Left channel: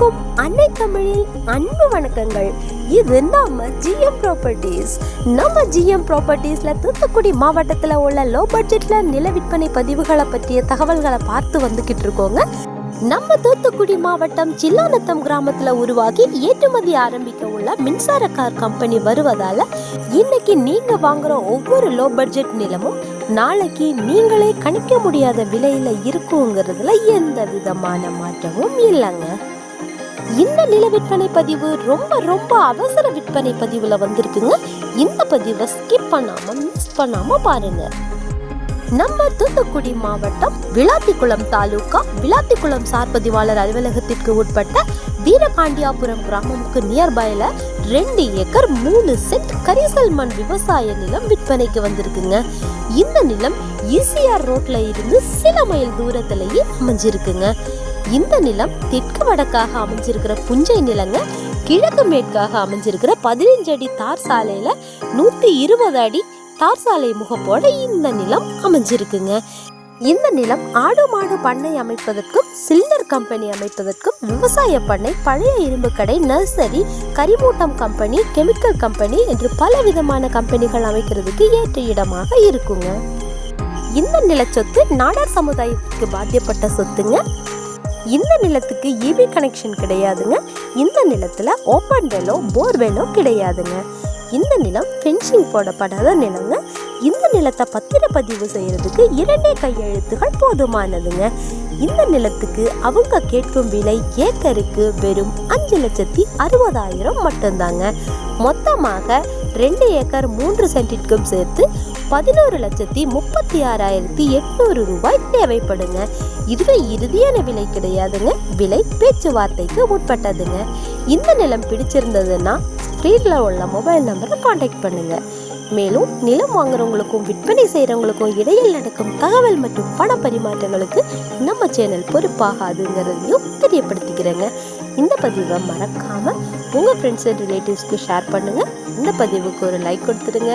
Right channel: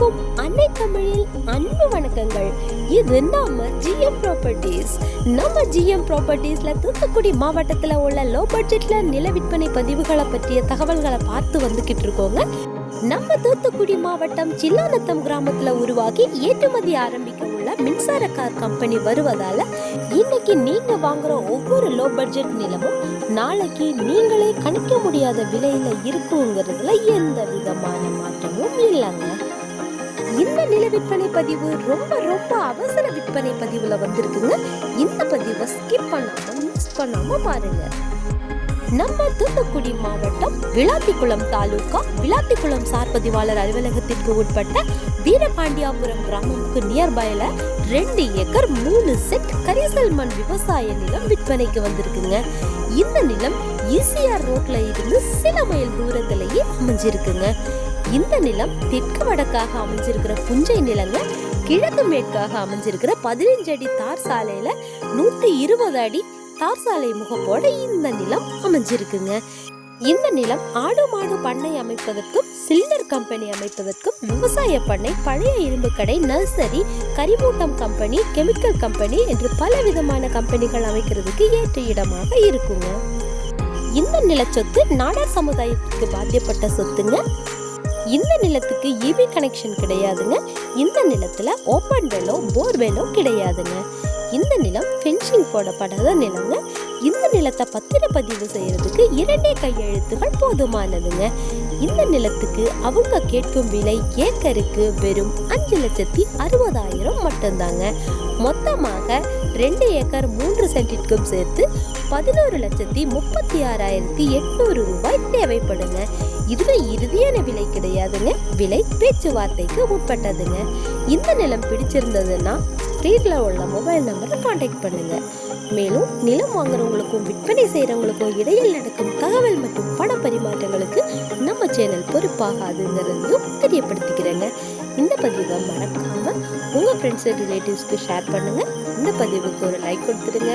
இப்போது அன்னை தமிழில் அன்பு வணக்கங்கள். இது நம்ம ஜிஎம் ப்ராப்பர்ட்டிஸ் நம்ம ஜிஎம் ப்ராப்பர்ட்டிஸில் தூத்துக்குடி மாவட்டத்தில் உள்ள லோ பட்ஜெட்டில் நில விற்பனை பதிவுகளை பற்றிய தகவல்களை பார்த்து வந்துக்கிட்டு இருக்கோங்க. நம்ம தூத்துக்குடி மாவட்டம் சில்லாநத்தம் கிராமத்தில் உருவாகி ஏற்றுமதி ஆரம்பிக்க உள்ள மின்சார கார் கம்பெனி வருவதால இன்னைக்கு நீங்க வாங்குற ஒவ்வொரு லோ பட்ஜெட் நிலமும் நாளைக்கு நீங்களே கணிக்க முடியாத விலையில இருக்குங்கிறதுல எந்த விதமான மாற்றமும் இல்லைங்க. இந்த நில விற்பனை பதிவு ரொம்ப ரொம்ப அவசர விற்பனை பதிவுல வந்திருக்குங்க. இந்த பதிவை ஸ்கிப் பண்ணாம மிஸ் பண்ணாம பாருங்க. நம்ம தூத்துக்குடி மாவட்டம் விளாத்திக்குளம் தாலுகா விளாத்திக்குளம் சார் பதிவாளர் அலுவலகத்திற்கு உட்பட்ட வீரபாண்டியாபுரம் கிராமமுக்கு நியர்பைல ரெண்டு ஏக்கர் மூணு செட் கரிசல் மண் விவசாய நிலம் விற்பனைக்கு வந்திருக்குங்க. இந்த நிலம் ஈசிஆர் ரோட்ல இருந்து சில மைல் தூரத்திலேயே அமைஞ்சிருக்குங்க. இந்த நிலம் தெற்கு வடக்காக அமைஞ்சிருக்கிற புஞ்சை நிலங்க கிழக்கு மேற்காக அமைஞ்சிருக்கிற பதினஞ்சு அடி தார் சாலையில நூத்தி இருபது அடி தார் சாலை முகப்போட இந்த நிலம் அமைஞ்சிருக்குங்க. இந்த நிலம் ஆடு மாடு பண்ணை அமைப்பதற்கும் சிலிண்டர் கம்பெனி அமைப்பதற்கும் விவசாய பண்ணை பழைய இரும்பு கடை நர்சரி கரிமூட்டம் கம்பெனி கெமிக்கல் கம்பெனி என்று பல விதமான கம்பெனிகள் அமைக்கிறதுக்கு ஏற்ற இடமாக இருக்குங்க. இந்த நிலச்சொத்து நாடார் சமுதாயத்துக்கு பாத்தியப்பட்ட சொத்துங்க. இந்த நிலத்துக்கு இபி கனெக்ஷன் கிடையாதுங்க. இந்த நிலத்தில் ஓப்பன் வெலோ போர்வெலோ கிடையாதுங்க. இந்த நிலம் ஃபென்சிங் போடப்படாத நிலங்க. இந்த நிலத்தை பத்திரப்பதிவு செய்யறதுக்கு இரண்டே கையெழுத்துகள் போதுமானதுங்க. இந்த நிலத்துக்கு அவங்க கேட்கும் விலை ஏக்கருக்கு வெறும் அஞ்சு லட்சத்தி அறுபதாயிரம் மட்டும்தாங்க. மொத்தமாக ரெண்டு ஏக்கர் மூன்று சென்டிற்கும் சேர்த்து பதினோரு லட்சத்தி முப்பத்தி ஆறாயிரத்தி எட்நூறு ரூபாய் தேவைப்படுங்க. இதுவே இறுதியான விலை கிடையாதுங்க. விலை பேச்சுவார்த்தைக்கு உட்பட்டதுங்க. இந்த நிலம் பிடிச்சிருந்ததுன்னா ஸ்க்ரீனில் உள்ள மொபைல் நம்பரை காண்டாக்ட் பண்ணுங்க. மேலும் நிலம் வாங்குறவங்களுக்கும் விற்பனை செய்கிறவங்களுக்கும் இடையில் நடக்கும் தகவல் மற்றும் பண பரிமாற்றங்களுக்கு நம்ம சேனல் பொறுப்பாகாதுங்கிறதையும் தெரியப்படுத்திக்கிறேங்க. இந்த பதிவை மறக்காமல் உங்கள் ஃப்ரெண்ட்ஸ் அண்ட் ரிலேட்டிவ்ஸ்க்கு ஷேர் பண்ணுங்க. இந்த பதிவுக்கு ஒரு லைக் கொடுத்துருங்க